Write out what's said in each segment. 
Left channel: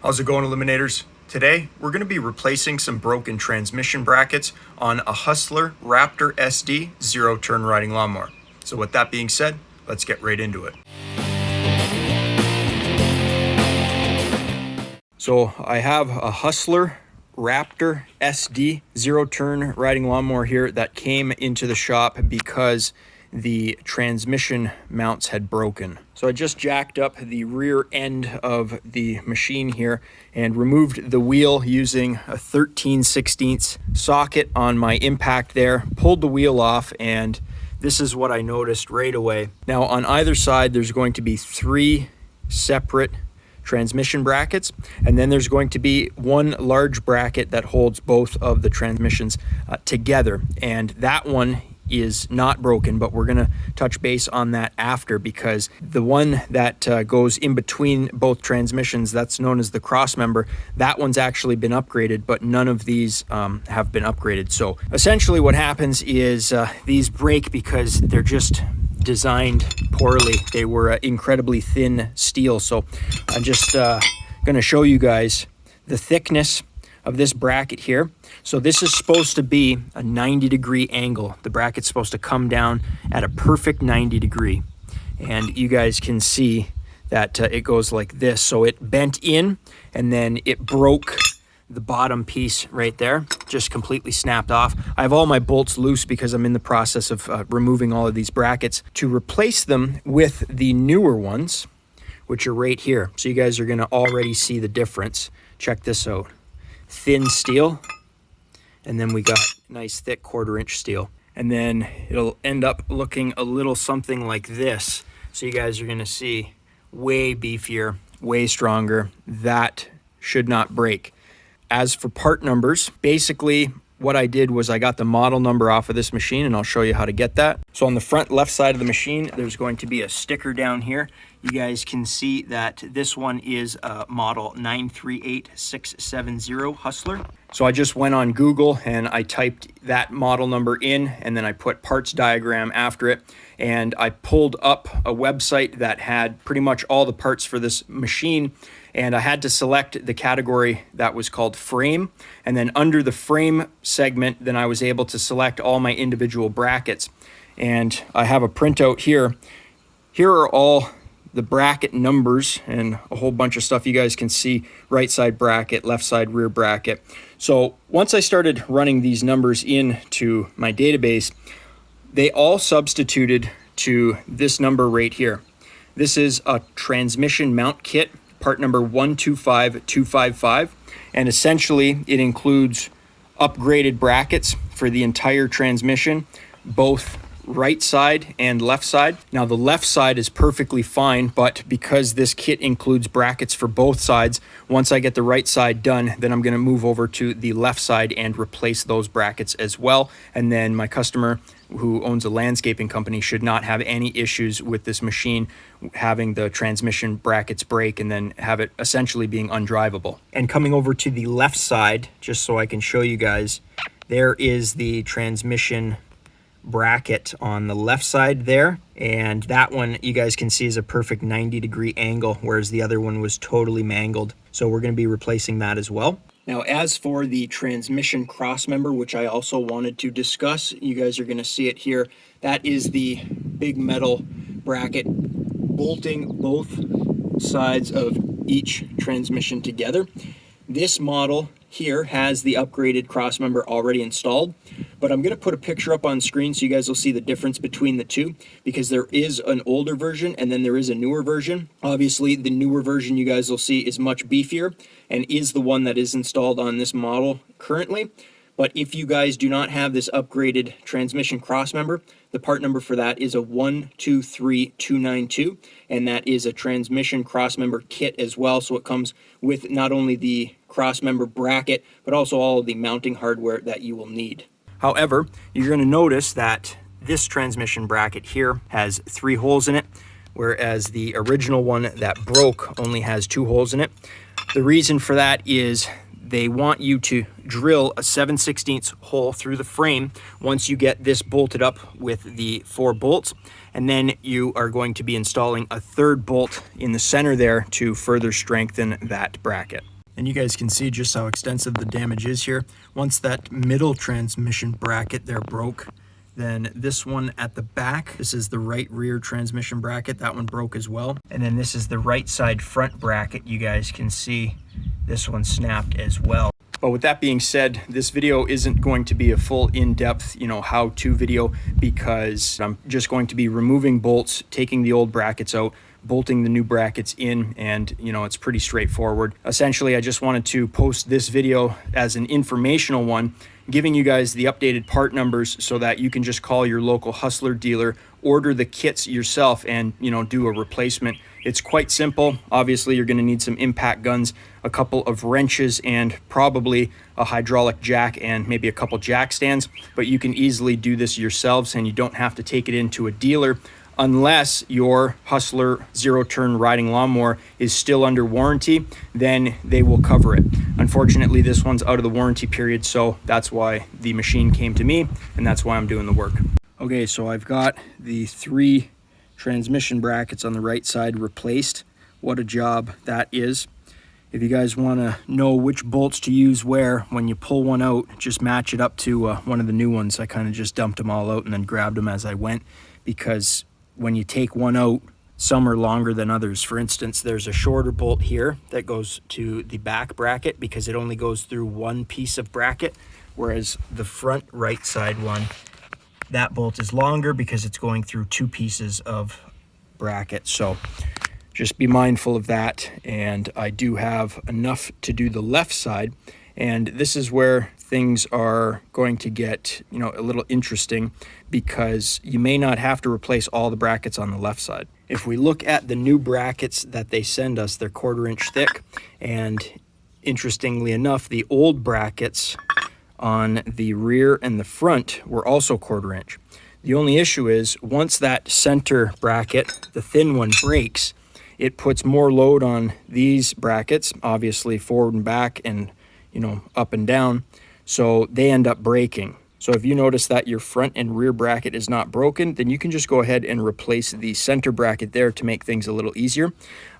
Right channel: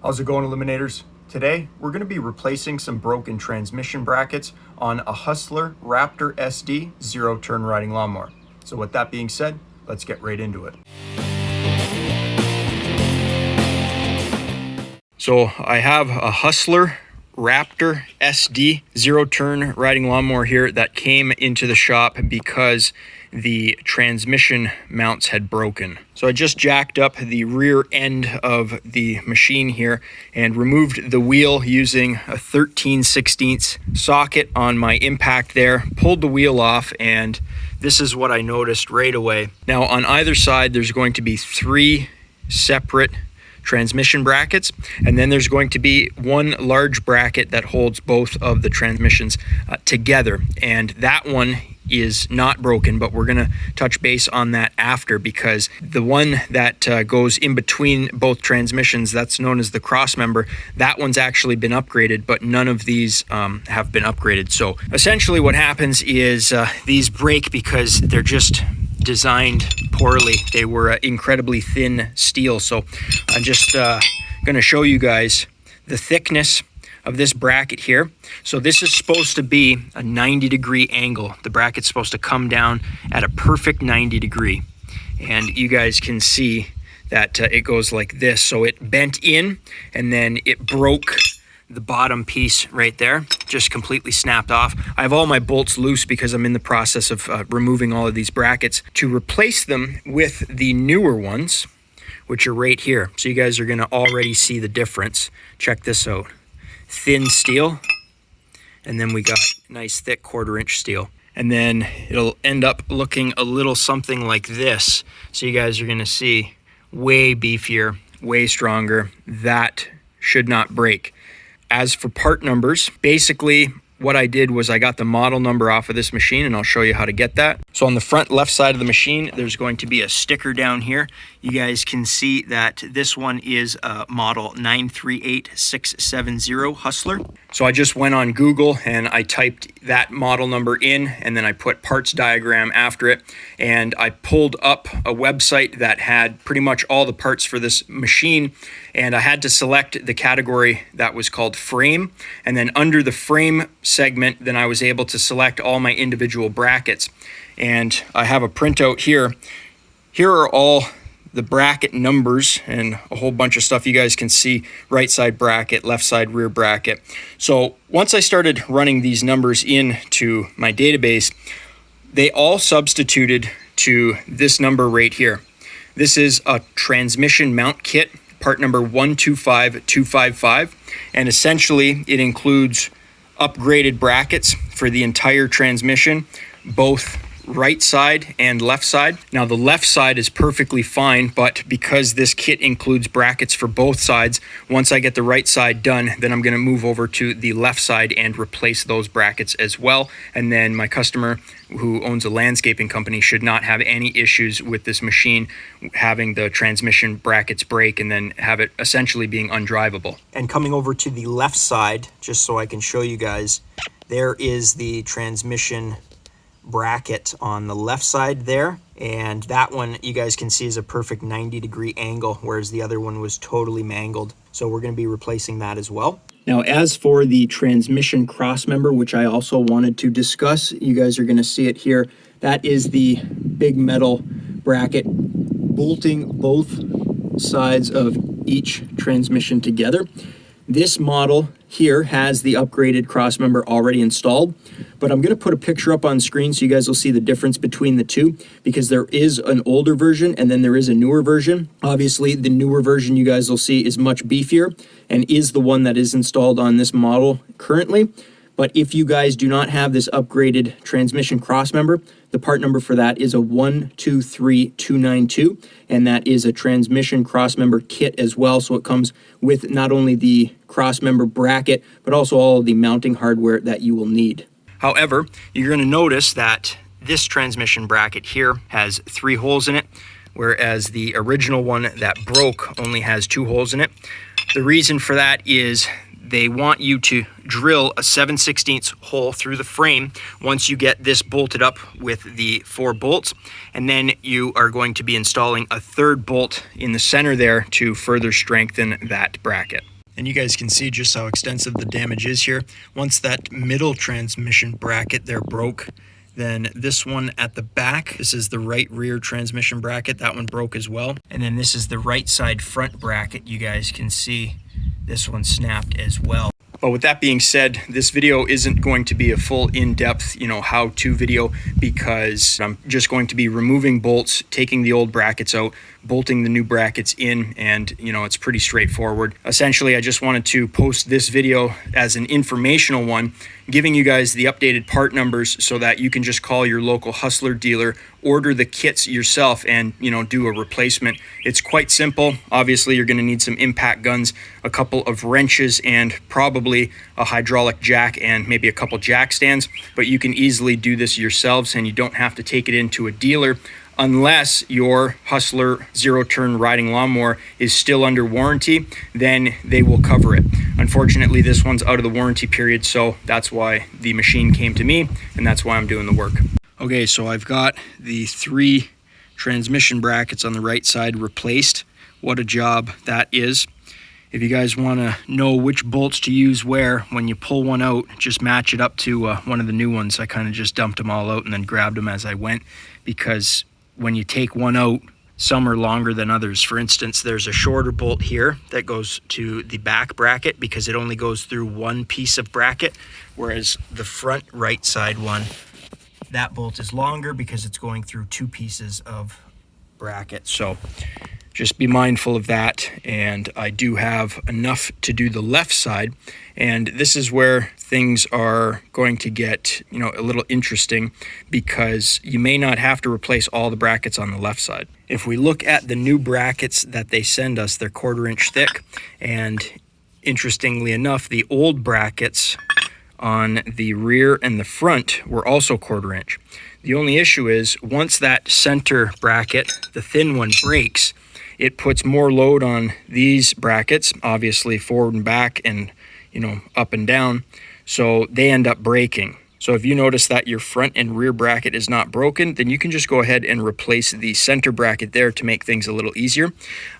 How's it going, Eliminators? Today, we're going to be replacing some broken transmission brackets on a Hustler Raptor SD zero-turn riding lawnmower. So with that being said, let's get right into it. So I have a Hustler Raptor SD zero-turn riding lawnmower here that came into the shop because the transmission mounts had broken. So I just jacked up the rear end of the machine here and removed the wheel using a 13/16 socket on my impact there, pulled the wheel off, and this is what I noticed right away. Now on either side there's going to be 3 separate transmission brackets, and then there's going to be one large bracket that holds both of the transmissions together, and that one is not broken, but we're going to touch base on that after, because the one that goes in between both transmissions, that's known as the cross member, that one's actually been upgraded, but none of these have been upgraded. So essentially what happens is these break because they're just designed poorly. They were incredibly thin steel. So I'm just going to show you guys the thickness of this bracket here. So this is supposed to be a 90-degree angle. The bracket's supposed to come down at a perfect 90 degree. And you guys can see that it goes like this. So it bent in and then it broke the bottom piece right there, just completely snapped off. I have all my bolts loose because I'm in the process of removing all of these brackets to replace them with the newer ones, which are right here. So you guys are gonna already see the difference. Check this out. Thin steel, and then we got nice thick 1/4-inch steel, and then it'll end up looking a little something like this. So you guys are going to see way beefier, way stronger. That should not break. As for part numbers, basically what I did was I got the model number off of this machine, and I'll show you how to get that. So on the front left side of the machine, there's going to be a sticker down here. You guys can see that this one is model 938670 Hustler. So I just went on Google and I typed that model number in, and then I put parts diagram after it, and I pulled up a website that had pretty much all the parts for this machine, and I had to select the category that was called frame, and then under the frame segment, then I was able to select all my individual brackets. And I have a printout here. Here are all the bracket numbers and a whole bunch of stuff. You guys can see right side bracket, left side rear bracket. So once I started running these numbers into my database, they all substituted to this number right here. This is a transmission mount kit, part number 125255, and essentially it includes upgraded brackets for the entire transmission, both right side and left side. Now the left side is perfectly fine, but because this kit includes brackets for both sides, once I get the right side done, then I'm going to move over to the left side and replace those brackets as well. And then my customer, who owns a landscaping company, should not have any issues with this machine having the transmission brackets break and then have it essentially being undrivable. And coming over to the left side, just so I can show you guys, there is the transmission bracket on the left side there, and that one you guys can see is a perfect 90-degree angle, whereas the other one was totally mangled. So we're going to be replacing that as well. Now, as for the transmission cross member, which I also wanted to discuss, you guys are going to see it here. That is the big metal bracket bolting both sides of each transmission together. This model here has the upgraded cross member already installed, but I'm going to put a picture up on screen so you guys will see the difference between the two, because there is an older version and then there is a newer version. Obviously, the newer version you guys will see is much beefier and is the one that is installed on this model currently. But if you guys do not have this upgraded transmission cross member, the part number for that is a 123292, and that is a transmission cross member kit as well. So it comes with not only the cross member bracket, but also all of the mounting hardware that you will need. However, you're going to notice that this transmission bracket here has 3 holes in it, whereas the original one that broke only has 2 holes in it. The reason for that is they want you to drill a 7/16 hole through the frame once you get this bolted up with the 4 bolts. And then you are going to be installing a 3rd bolt in the center there to further strengthen that bracket. And you guys can see just how extensive the damage is here. Once that middle transmission bracket there broke, then this one at the back, this is the right rear transmission bracket, that one broke as well. And then this is the right side front bracket. You guys can see this one snapped as well. But with that being said, this video isn't going to be a full in-depth, how-to video, because I'm just going to be removing bolts, taking the old brackets out, bolting the new brackets in, and it's pretty straightforward. Essentially, I just wanted to post this video as an informational one, giving you guys the updated part numbers so that you can just call your local Hustler dealer, order the kits yourself, and do a replacement. It's quite simple. Obviously, you're going to need some impact guns, a couple of wrenches, and probably a hydraulic jack and maybe a couple jack stands, but you can easily do this yourselves, and you don't have to take it into a dealer unless your Hustler zero-turn riding lawnmower is still under warranty. Then they will cover it. Unfortunately, this one's out of the warranty period, so that's why the machine came to me, and that's why I'm doing the work. Okay, so I've got the 3 transmission brackets on the right side replaced. What a job that is. If you guys want to know which bolts to use where, when you pull one out, just match it up to one of the new ones. I kind of just dumped them all out and then grabbed them as I went, because when you take one out, some are longer than others. For instance, there's a shorter bolt here that goes to the back bracket because it only goes through one piece of bracket, whereas the front right side one, that bolt is longer because it's going through 2 pieces of bracket. So just be mindful of that. And I do have enough to do the left side, and this is where things are going to get a little interesting, because you may not have to replace all the brackets on the left side. If we look at the new brackets that they send us, they're 1/4 inch thick, and interestingly enough, the old brackets on the rear and the front were also 1/4 inch. The only issue is once that center bracket, the thin one, breaks, it puts more load on these brackets, obviously forward and back and up and down, so they end up breaking. So if you notice that your front and rear bracket is not broken, then you can just go ahead and replace the center bracket there to make things a little easier.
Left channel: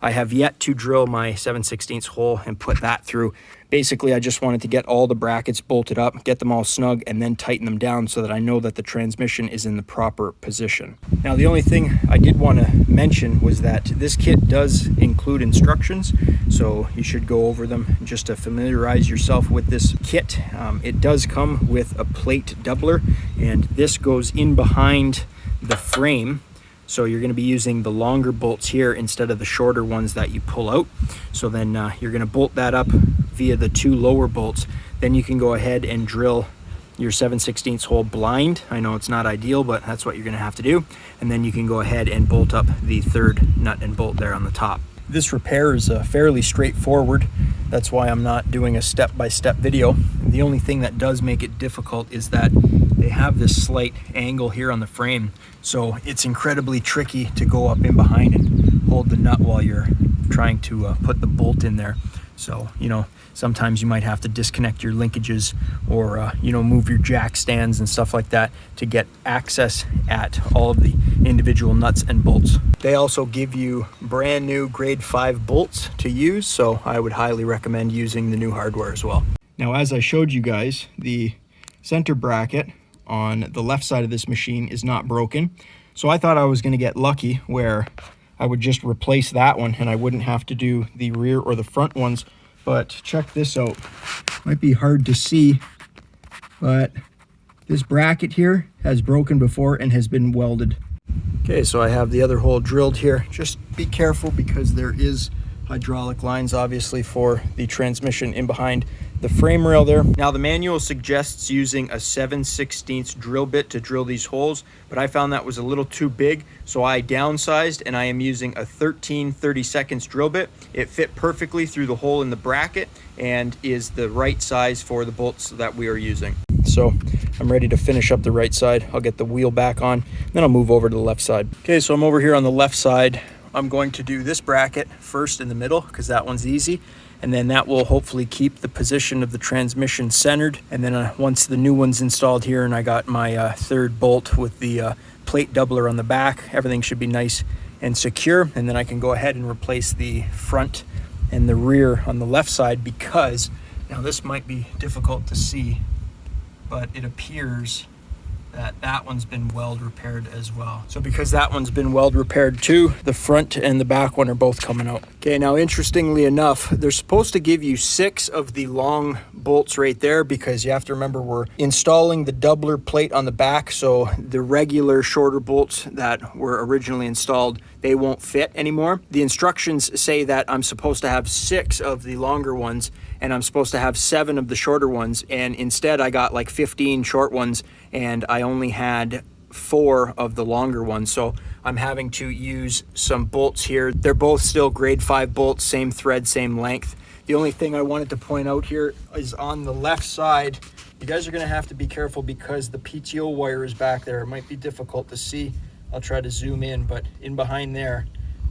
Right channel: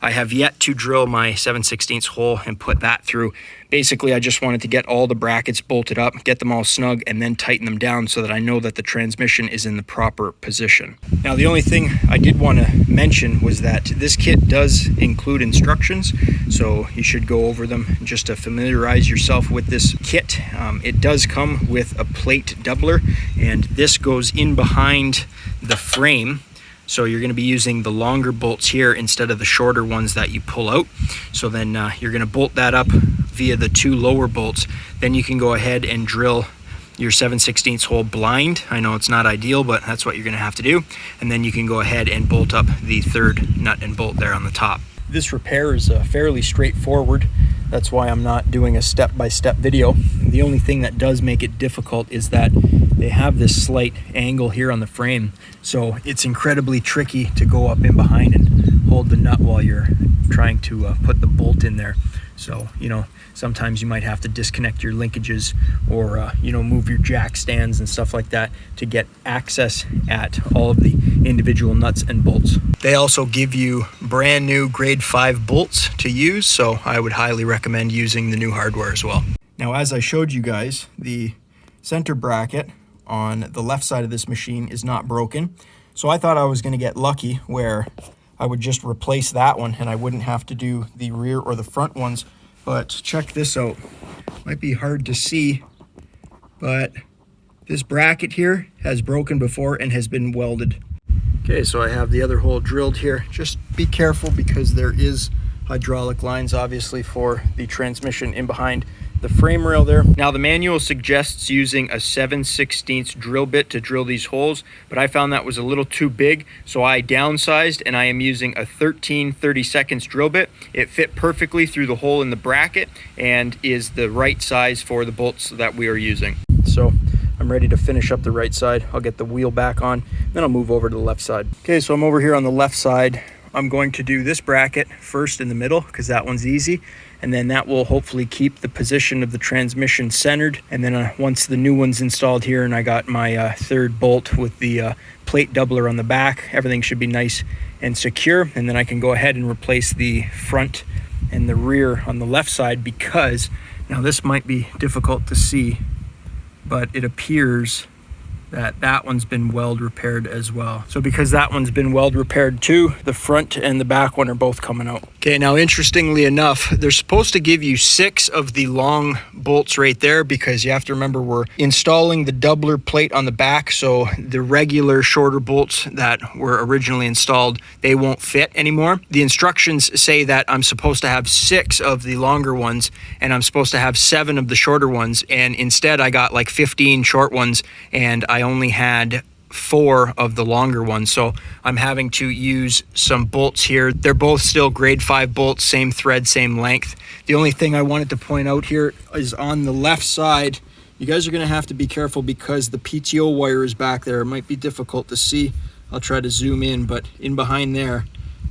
I have yet to drill my 7/16 hole and put that through. Basically, I just wanted to get all the brackets bolted up, get them all snug, and then tighten them down so that I know that the transmission is in the proper position. Now, the only thing I did want to mention was that this kit does include instructions, so you should go over them just to familiarize yourself with this kit. It does come with a plate doubler, and this goes in behind the frame. So you're going to be using the longer bolts here instead of the shorter ones that you pull out. So then you're going to bolt that up via the 2 lower bolts. Then you can go ahead and drill your 7/16 hole blind. I know it's not ideal, but that's what you're going to have to do. And then you can go ahead and bolt up the 3rd nut and bolt there on the top. This repair is fairly straightforward. That's why I'm not doing a step-by-step video. The only thing that does make it difficult is that they have this slight angle here on the frame, so it's incredibly tricky to go up in behind and hold the nut while you're trying to put the bolt in there. So sometimes you might have to disconnect your linkages or move your jack stands and stuff like that to get access at all of the individual nuts and bolts. They also give you brand new grade 5 bolts to use, so I would highly recommend using the new hardware as well. Now, as I showed you guys, the center bracket on the left side of this machine is not broken, so I thought I was going to get lucky where I would just replace that one and I wouldn't have to do the rear or the front ones. But check this out. Might be hard to see, but this bracket here has broken before and has been welded. Okay, so I have the other hole drilled here. Just be careful because there is hydraulic lines obviously for the transmission in behind the frame rail there. Now, the manual suggests using a 7/16 drill bit to drill these holes, but I found that was a little too big, so I downsized and I am using a 13/32 drill bit. It fit perfectly through the hole in the bracket and is the right size for the bolts that we are using. So I'm ready to finish up the right side. I'll get the wheel back on, then I'll move over to the left side. Okay, so I'm over here on the left side. I'm going to do this bracket first in the middle because that one's easy. and then that will hopefully keep the position of the transmission centered. And then once the new one's installed here and I got my third bolt with the plate doubler on the back, everything should be nice and secure. And then I can go ahead and replace the front and the rear on the left side, because now this might be difficult to see, but it appears that that one's been weld repaired as well. So because that one's been weld repaired too, the front and the back one are both coming out. Okay, now interestingly enough, they're supposed to give you 6 of the long bolts right there, because you have to remember we're installing the doubler plate on the back, so the regular shorter bolts that were originally installed, they won't fit anymore. The instructions say that I'm supposed to have 6 of the longer ones and I'm supposed to have 7 of the shorter ones, and instead I got like 15 short ones and I only had 4 of the longer ones. So I'm having to use some bolts here. They're both still grade 5 bolts, same thread, same length. The only thing I wanted to point out here is on the left side, you guys are going to have to be careful because the PTO wire is back there. It might be difficult to see. I'll try to zoom in, but in behind there,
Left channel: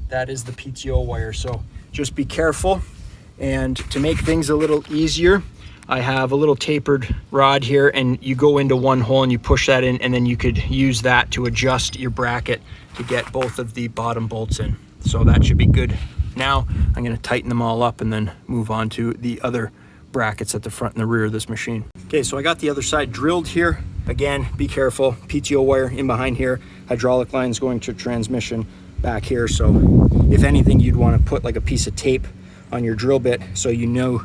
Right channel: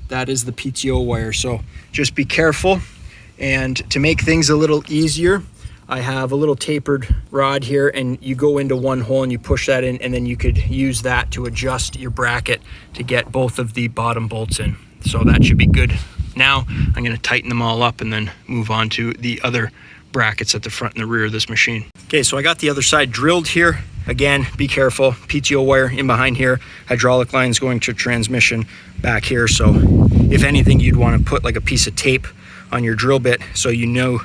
that is the PTO wire. So just be careful. And to make things a little easier, I have a little tapered rod here, and you go into one hole and you push that in, and then you could use that to adjust your bracket to get both of the bottom bolts in. So that should be good. Now I'm going to tighten them all up and then move on to the other brackets at the front and the rear of this machine. Okay, so I got the other side drilled here. Again, be careful. PTO wire in behind here, hydraulic lines going to transmission back here. So if anything, you'd want to put like a piece of tape on your drill bit so you know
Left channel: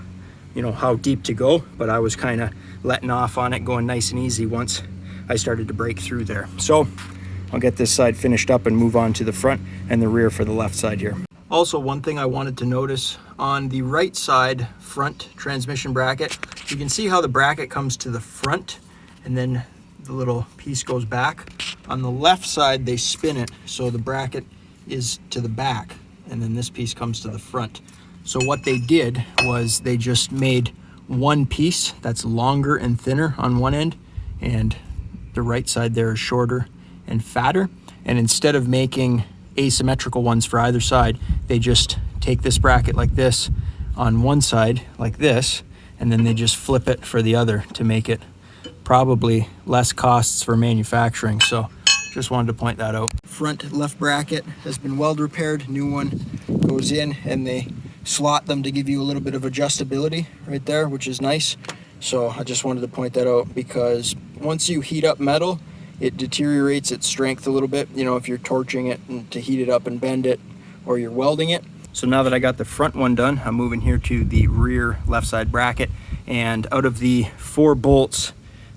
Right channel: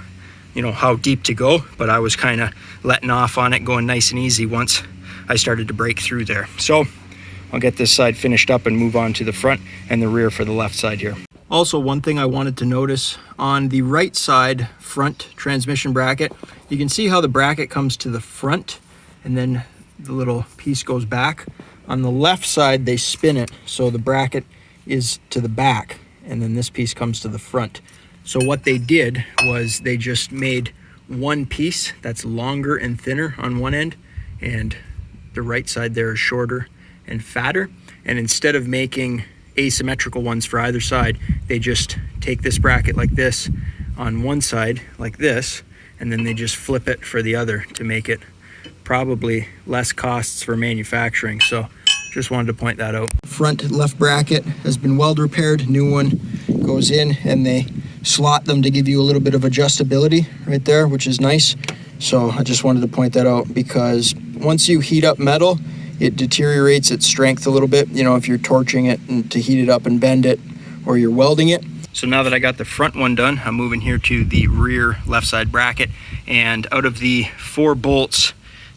how deep to go, but I was kind of letting off on it, going nice and easy once I started to break through there. So I'll get this side finished up and move on to the front and the rear for the left side here. Also, one thing I wanted to notice on the right side front transmission bracket, you can see how the bracket comes to the front and then the little piece goes back. On the left side, they spin it so the bracket is to the back and then this piece comes to the front. So what they did was they just made one piece that's longer and thinner on one end, and the right side there is shorter and fatter. And instead of making asymmetrical ones for either side, they just take this bracket like this on one side like this, and then they just flip it for the other to make it probably less costs for manufacturing. So just wanted to point that out. Front left bracket has been weld repaired. New one goes in, and they slot them to give you a little bit of adjustability right there, which is nice. So I just wanted to point that out, because once you heat up metal, it deteriorates its strength a little bit, if you're torching it and to heat it up and bend it, or you're welding it. So now that I got the front one done, I'm moving here to the rear left side bracket, and out of the 4 bolts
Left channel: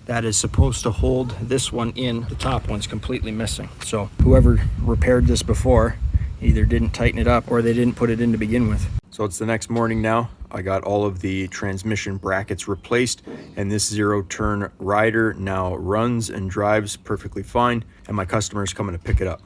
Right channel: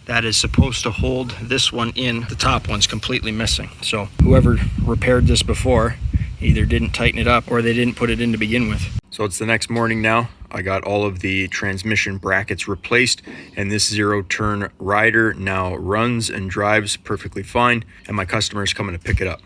that is supposed to hold this one in, the top one's completely missing. So whoever repaired this before either didn't tighten it up or they didn't put it in to begin with. So it's the next morning now. I got all of the transmission brackets replaced, and this 0-turn rider now runs and drives perfectly fine, and my customer is coming to pick it up.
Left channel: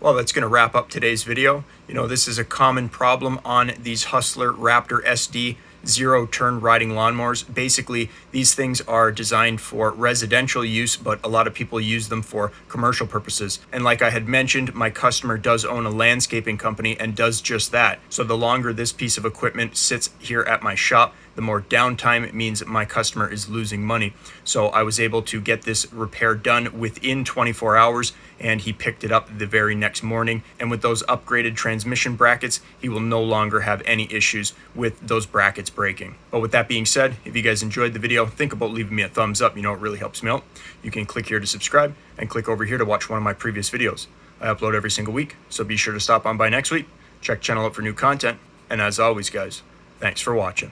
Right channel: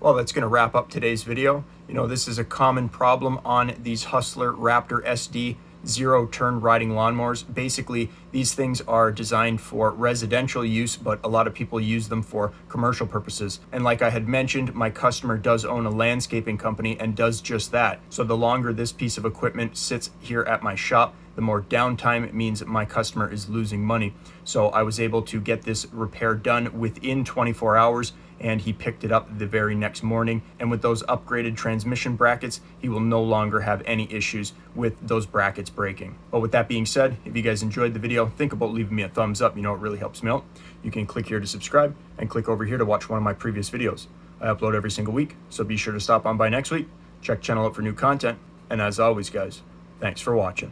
Well, that's going to wrap up today's video. This is a common problem on these Hustler Raptor SD 0-turn riding lawnmowers. Basically, these things are designed for residential use, but a lot of people use them for commercial purposes. And like I had mentioned, my customer does own a landscaping company and does just that. So the longer this piece of equipment sits here at my shop, the more downtime it means that my customer is losing money. So I was able to get this repair done within 24 hours, and he picked it up the very next morning. And with those upgraded transmission brackets, he will no longer have any issues with those brackets breaking. But with that being said, if you guys enjoyed the video, think about leaving me a thumbs up. It really helps me out. You can click here to subscribe and click over here to watch one of my previous videos. I upload every single week, so be sure to stop on by next week. Check channel out for new content. And as always, guys, thanks for watching.